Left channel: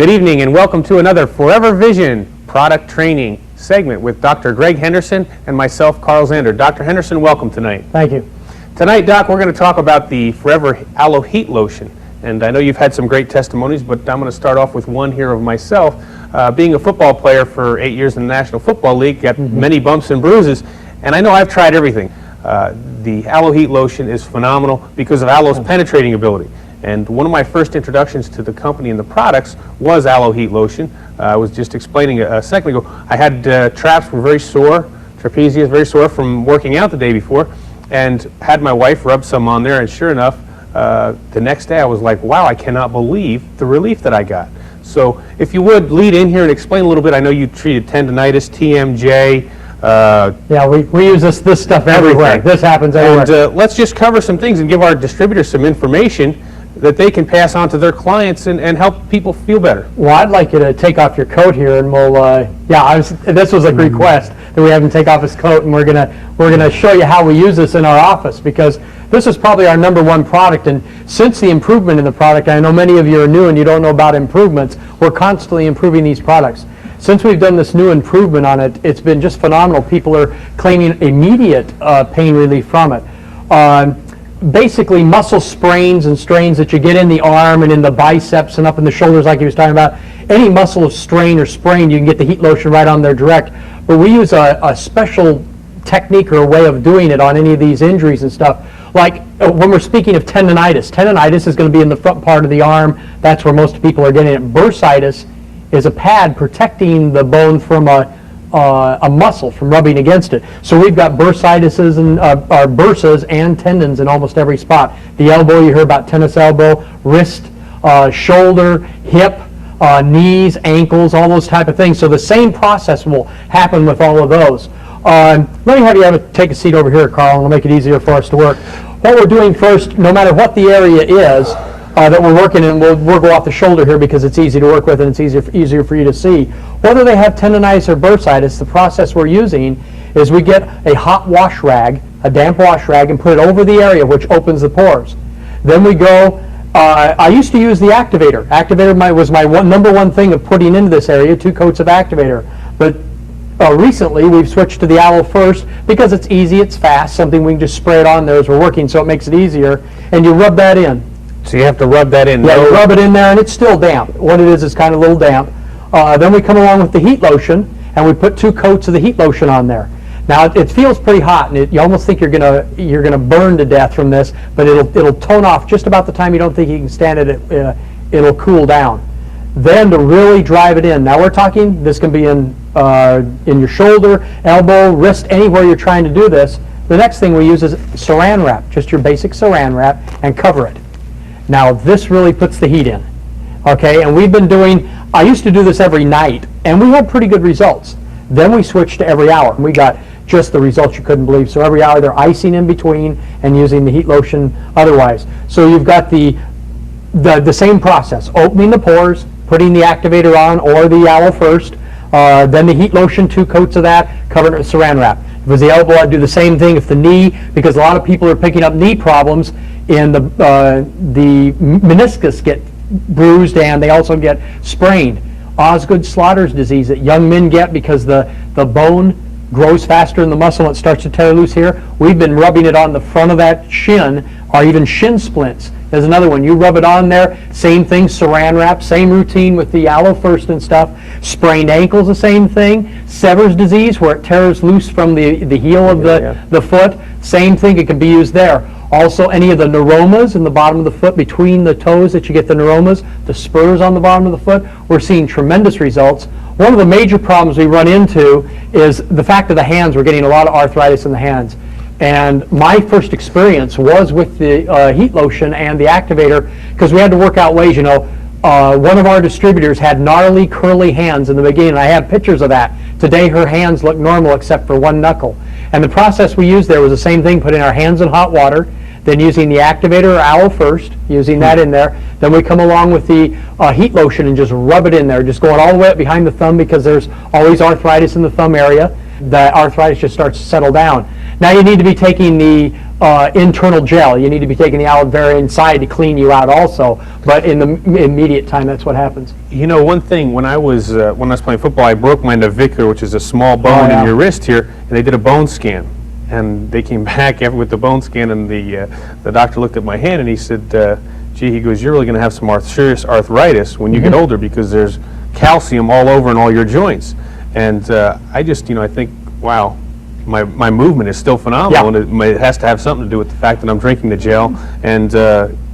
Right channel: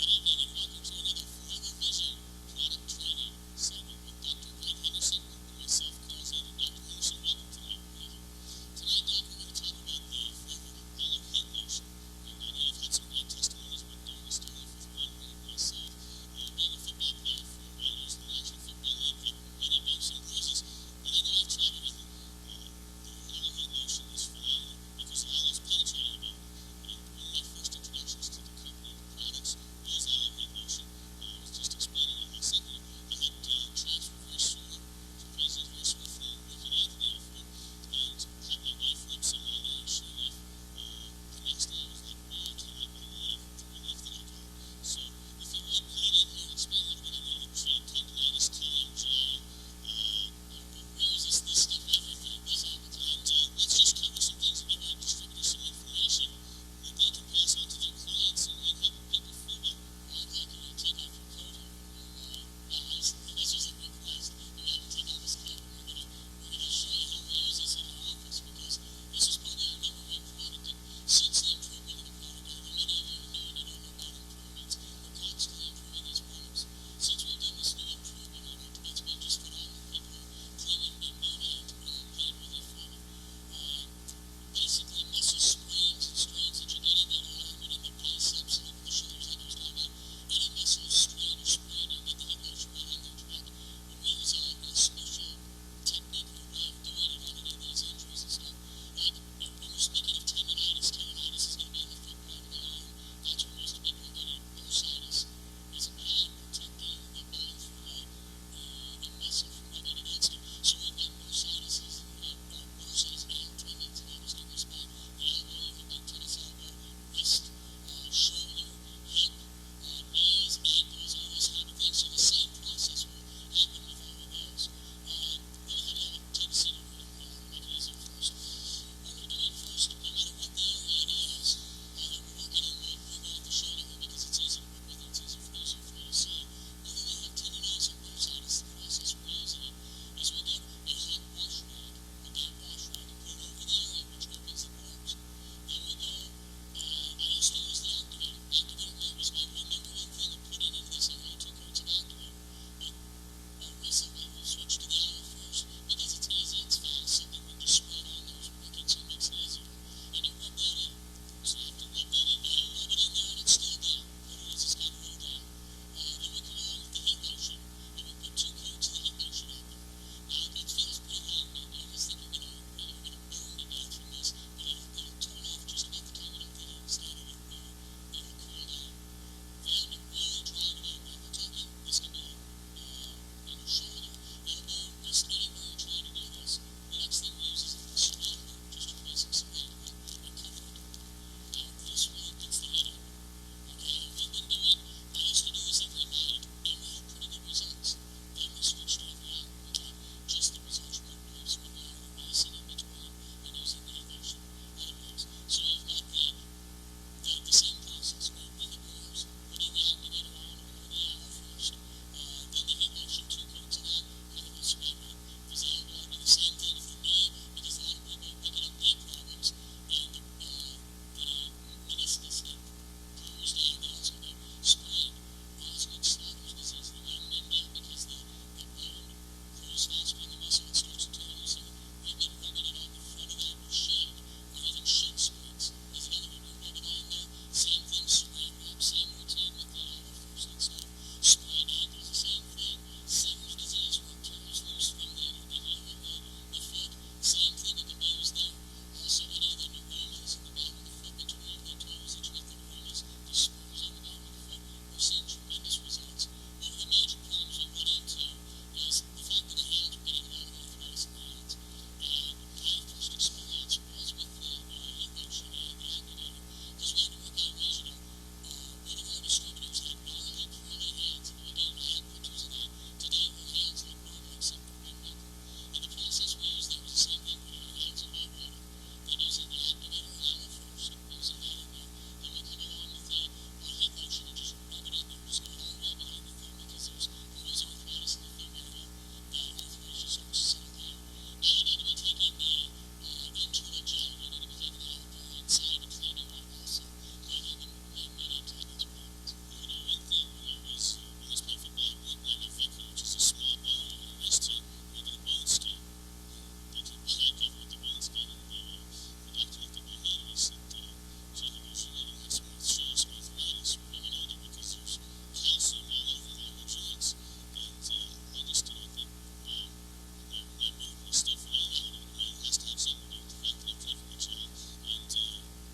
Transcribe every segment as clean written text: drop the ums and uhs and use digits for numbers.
Good evening and welcome to another ForeverVision product training segment with Dr. Greg Henderson and myself, Carl Zander. Dr. Henderson, welcome tonight. Thank you. Tonight, Doc, we're going to talk about the Forever Aloe Heat Lotion. And I know you've had some great testimonies, but I'm going to start off with one here of myself. Being a football player for 8 years in the National Football League, got many bumps and bruises, and I know I've tried everything. The Aloe Heat Lotion is phenomenal because of aloe's penetrating ability. And one of my first introductions to the company and the products was Aloe Heat Lotion. I was just explaining a second ago. I had traps were very sore, trapezius very sore from working out the day before, and had my wife rub some on there, and sure enough, the next day I was like, wow, I cannot believe the relief that I got. So if you would lead in here and explain a little bit. I know you treated tendonitis, TMJ. Yeah, we use this stuff everywhere. Everything. This happens everywhere. And let's just cover some things and give our distributors some information that they can pass on to their clients and help people feel better. Well, I'd like you to take off your coat here, and we'll. This was a request that we have him take off his coat, and we're gonna show you how we use this in our office, because this is probably our #1 product. And since the improvement in the product, I know many of you are new and you don't know about improvements. We're constantly improving these products. Since we've done this new improvement on it, it's been just phenomenal. People are claiming immediate pain relief from it. Basically, muscle sprains and strains that you get in the arm and in the biceps and up in the shoulders, like he was talking about, any muscle strain or sprain, you can get the heat lotion right on there direct. But we use a special technique or a way of doing it on any of these injuries and stuff. Like when we're speaking of tendonitis, tendonitis is going to be in the front part of the arm. That's where most people are getting it. Bursitis is a pad protecting the bone from a muscle from rubbing against it. So we've got bursitis and bursas and tendons in almost every spot. The elbow, you hear about tennis elbow, wrist, shoulder, hip, knees, ankles, all those type of things. So the same process will happen with all of those. Let me have you take a seat over here, Carl, and it'll make it easier for us to work. What we're doing first, no matter what the area is that we're working in, we'll go off the shoulder here because it's easy to work with and it's easier for you to see. Whether they have tendonitis or bursitis, the process we're using is we get a hot wash rag, a damp wash rag, and put it over the area, which opens the pores. Then we go, I used to use the activator. Activator was my #1 thing of putting into this area, 2 coats of activator. But recently we've switched to the Aloe first because it's easy, it's fast, something we can just spray it on there as we're working, so it makes it easier. And you rub that in. So you have to rub that in. Yeah, you rub it in there, and it's still damp. What it is kind of a little damp. Then we come along with the heat lotion, and we put 2 coats of the heat lotion on there. Now it feels pretty hot, and you almost think you're gonna burn to death from this, but it'll tone off just about the time you don't think you can stand it. It'll cool down. Then to really drive it in. Now we're talking. This can be in your shoulder, elbow, wrist, anywhere you're trying to do this. The next thing we use is Saran wrap, just your basic Saran wrap, and cover it. Now this really puts the heat in, okay? And we've been doing, I used to do this every night, and we had pretty good results. Then we switched to every hour, and we got just the results you couldn't believe. So every hour they're icing in between and using the heat lotion otherwise. So you've got the same process, opening the pores, putting the activator on or the Aloe first, then the heat lotion, 2 coats of that, covered it with Saran wrap. If it was the elbow, I'd do the same thing. If the knee, because a lot of people are picking up knee problems, and the meniscus get bruised and they also get sprained. Osgood-Schlatters disease that young men get because the bone grows faster in the muscle and it starts to tear loose here. We've been rubbing it on the front of that shin, or even shin splints. There's another one. You rub it on there, same thing, Saran wrap, same routine with the Aloe first and stuff. Sprained ankles, the same thing. Sever's disease, where it tears loose from the heel of the foot, same thing, it can be used there. Also, any of the neuromas in the bottom of the foot, between the toes that you get the neuromas, the spurs on the bottom of the foot, we're seeing tremendous results. One of the major problems we run into is the fact of the hands. We're getting a lot of arthritis in the hands. And my first experience was with the heat lotion and the activator, because we had to work out ways. You know, one of our distributors had gnarly, curly hands in the beginning. I have pictures of that. Today her hands look normal except for 1 knuckle. And the process we used there was the same thing, putting our hands in hot water, then using the activator or Aloe first, using that in there. Then we come along with the heat lotion and just rub it in there, just going all the way up behind the thumb, because there's always arthritis in the thumb area. The arthritis just starts to settle down. Now you need to be taking the internal gel. You need to be taking the aloe vera inside to clean you out also, but in the immediate time, that's what happens. You know, one thing, when I was playing football, I broke my navicular, which is a small bone in your wrist here, and they did a bone scan. And they came back with the bone scan, and the doctor looked at my hand, and he said, gee, he goes, you're really going to have some serious arthritis when you get older, because there's calcium all over in all your joints. And I just, I think, wow, my movement is still phenomenal, and it has to have something to do with the fact that I'm drinking the gel, and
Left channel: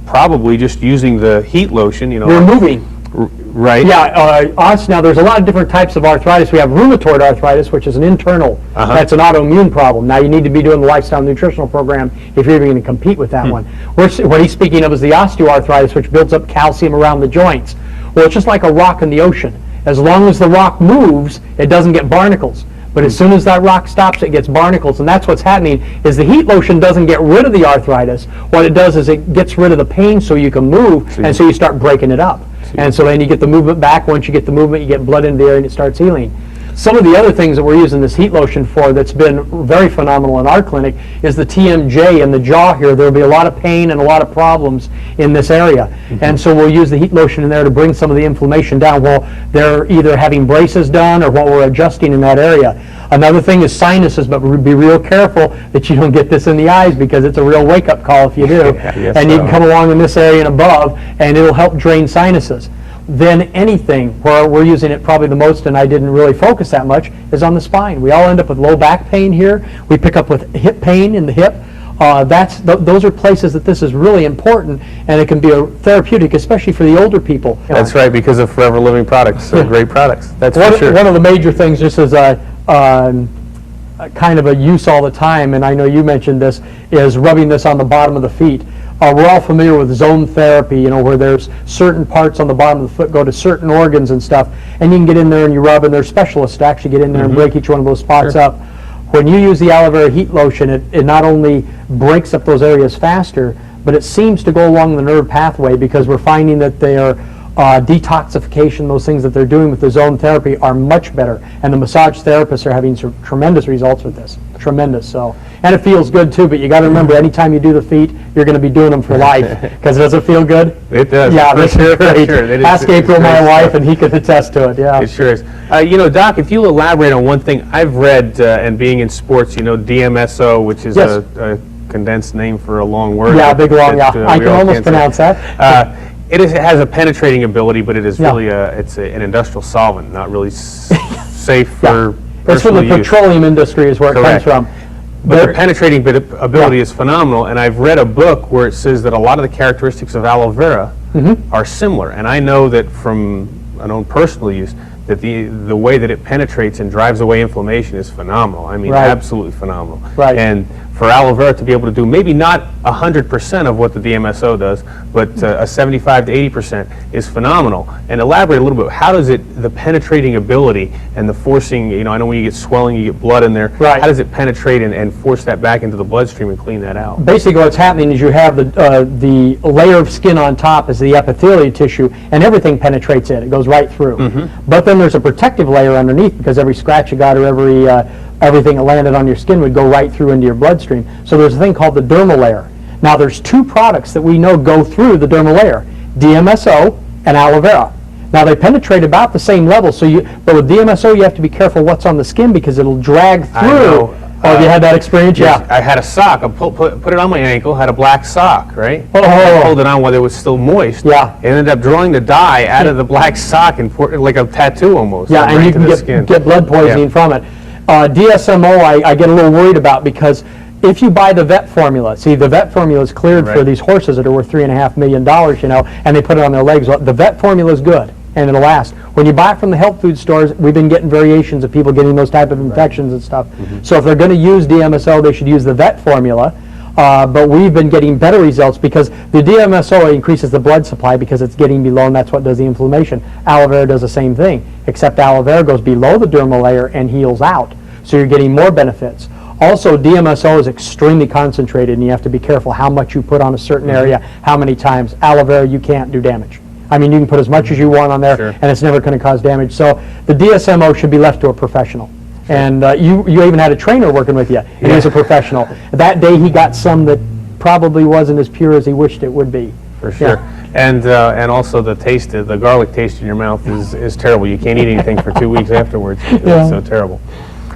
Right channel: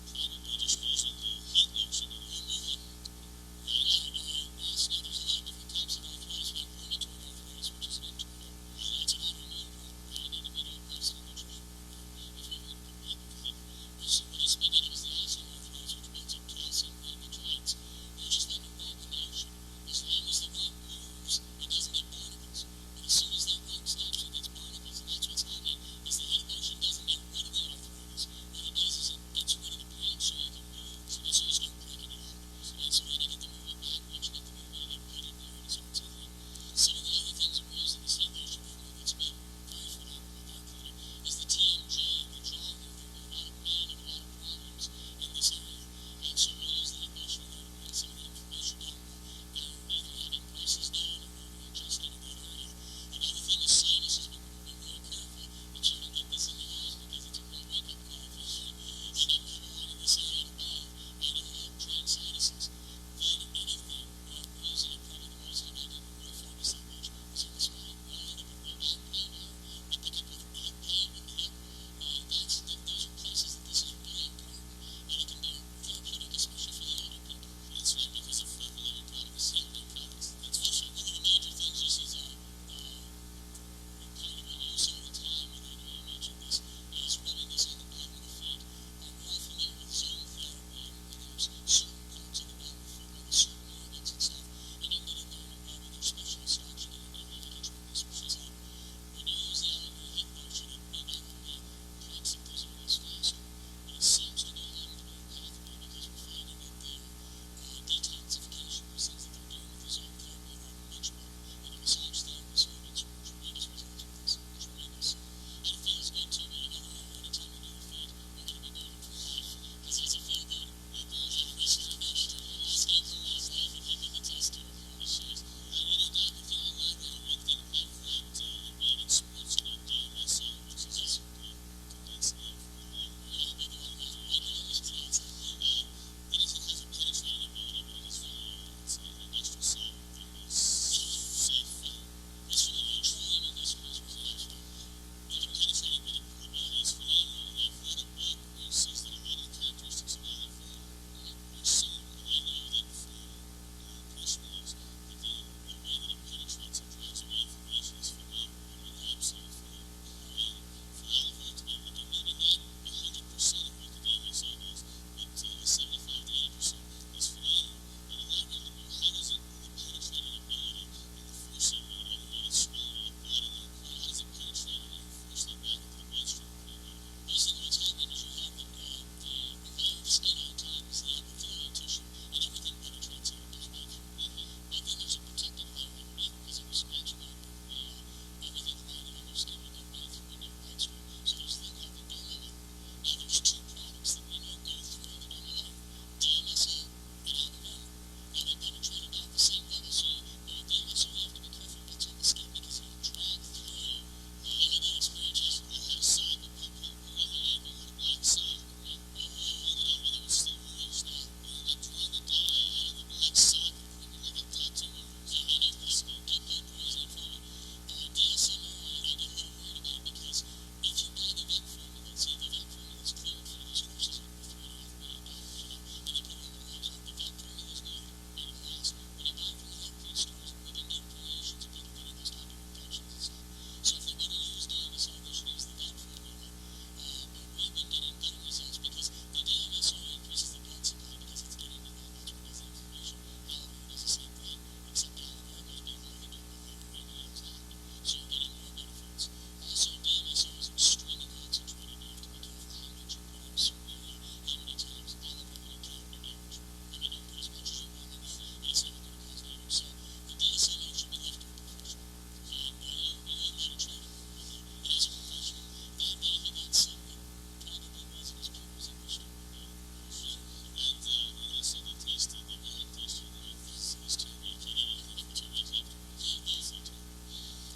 probably just using the heat lotion, You're moving. Right. Yeah, now there's a lot of different types of arthritis. We have rheumatoid arthritis, which is an internal, that's an autoimmune problem. Now you need to be doing the lifestyle nutritional program if you're even going to compete with that one. What he's speaking of is the osteoarthritis, which builds up calcium around the joints. Well, it's just like a rock in the ocean. As long as the rock moves, it doesn't get barnacles. But as soon as that rock stops, it gets barnacles, and that's what's happening. Is the heat lotion doesn't get rid of the arthritis. What it does is it gets rid of the pain so you can move, and so you start breaking it up. And so then you get the movement back. Once you get the movement, you get blood into the air, and it starts healing. Some of the other things that we're using this heat lotion for that's been very phenomenal in our clinic is the TMJ in the jaw here. There will be a lot of pain and a lot of problems in this area. And so we'll use the heat lotion in there to bring some of the inflammation down while they're either having braces done or while we're adjusting in that area. Another thing is sinuses, but be real careful that you don't get this in the eyes, because it's a real wake-up call if you do. And you can come along in this area and above, and it'll help drain sinuses. Then anything where we're using it probably the most, and I didn't really focus that much, is on the spine. We all end up with low back pain here. We pick up with hip pain in the hip. Those are places that this is really important, and it can be a therapeutic, especially for the older people. That's right, because of Forever Living products, great products. That's for sure. One of the major things, just as kind of a use all the time, and I know you mentioned this, is rubbing this on the bottom of the feet. We're all familiar with zone therapy, where there's certain parts on the bottom of the foot go to certain organs and stuff, and you can get in there and you rub, and there's specialists to actually get in there and break each one of those spots up. When you use the aloe vera heat lotion, it not only breaks up those areas faster, but it seems to go along the nerve pathway, because we're finding that they are detoxification, those things that they're doing with the zone therapy are much better, and the massage therapists are having some tremendous results with this. Tremendous. And it feels good too, but you got to remember, anytime you do the feet, you're going to be doing them for life, because does it feel good? It does. Yeah, this is great. Sure. Ask April, my wife, and he could attest to it. Yeah, it sure is. Doc, if you'll elaborate on one thing I've read, and being in sports, DMSO, which is a condensed name for a long word. Yeah, big long. I can almost pronounce that. It has a penetrating ability, but it is really an industrial solvent, not really safe for it's from the petroleum industry is where it comes from. But the penetrating ability is phenomenal, and I've read a book where it says that a lot of the characteristics of aloe vera are similar, and I know that from an own personal use that the way that it penetrates and drives away inflammation is phenomenal. I mean, absolutely phenomenal. And for aloe vera to be able to do maybe not 100% of what the DMSO does, but a 75 to 80% is phenomenal. And elaborate a little bit. How does the penetrating ability and the forcing, I know when you get swelling, you get blood in there. How does it penetrate and force that back into the bloodstream and clean that out? Basically, what's happening is you have the layer of skin on top is the epithelial tissue, and everything penetrates it. It goes right through. But then there's a protective layer underneath, because every scratch you got or everything that landed on your skin would go right through into your bloodstream. So there's a thing called the dermal layer. Now there's two products that we know go through the dermal layer, DMSO and aloe vera. Now they penetrate about the same level, but with DMSO you have to be careful what's on the skin, because it'll drag through. Have you had that experience? Yes, I had a sock. I put it on my ankle, had a black sock, right? I pulled it on while it was still moist. It ended up drawing the dye out of the black sock and poured it like a tattoo almost. Yeah, and you can get blood poisoning from it. DSMO I get a little worried about, because if you buy the vet formula, see, the vet formula is cleared for these horses that are worth $3.5 million, and they put it on their legs. Well, the vet formula is good, and it'll last. When you buy it from the health food stores, we've been getting variations of people getting those type of infections and stuff. So if they're going to use DMSO, they should use the vet formula. But we've been getting better results, because the DMSO increases the blood supply because it's getting below, and that's what does the inflammation. Aloe vera does the same thing, except aloe vera goes below the dermal layer and heals out. So you're getting more benefits. Also, DMSO is extremely concentrated, and you have to be careful how much you put on a certain area, how many times. Aloe vera, you can't do damage. I mean, you can put as much as you want on there, and it's never going to cause damage. So the DSMO should be left to a professional. And you even had a trainer working with you, and he was a professional. That day he got some that probably wasn't as pure as he wished it would be. For sure. Yeah. And also the taste, the garlic taste in your mouth is terrible. You can't eat anything for 2 weeks afterwards. Yeah. It's so terrible.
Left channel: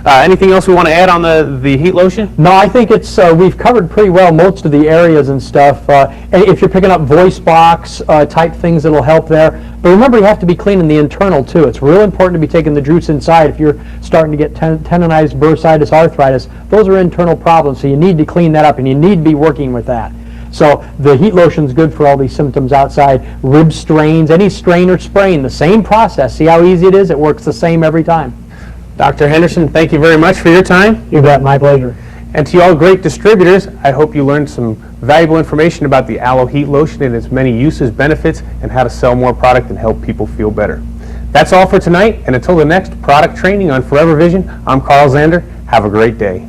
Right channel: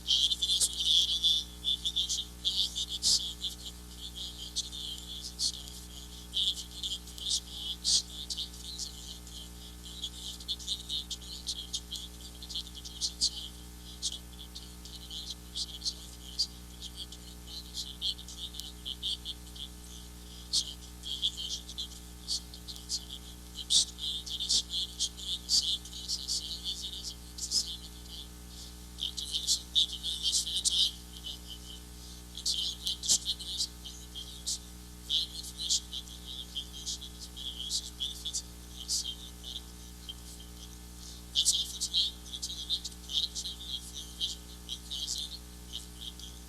Anything else we want to add on the heat lotion? No, I think it's we've covered pretty well most of the areas and stuff. And if you're picking up voice box type things, it'll help there. But remember, you have to be cleaning the internal too. It's real important to be taking the juice inside if you're starting to get tendonitis, bursitis, arthritis. Those are internal problems, so you need to clean that up, and you need to be working with that. So the heat lotion is good for all these symptoms outside. Rib strains, any strain or sprain, the same process. See how easy it is? It works the same every time. Dr. Henderson, thank you very much for your time. You bet, my pleasure. And to all great distributors, I hope you learned some valuable information about the Aloe Heat Lotion and its many uses, benefits, and how to sell more product and help people feel better. That's all for tonight, and until the next product training on ForeverVision, I'm Carl Zander. Have a great day.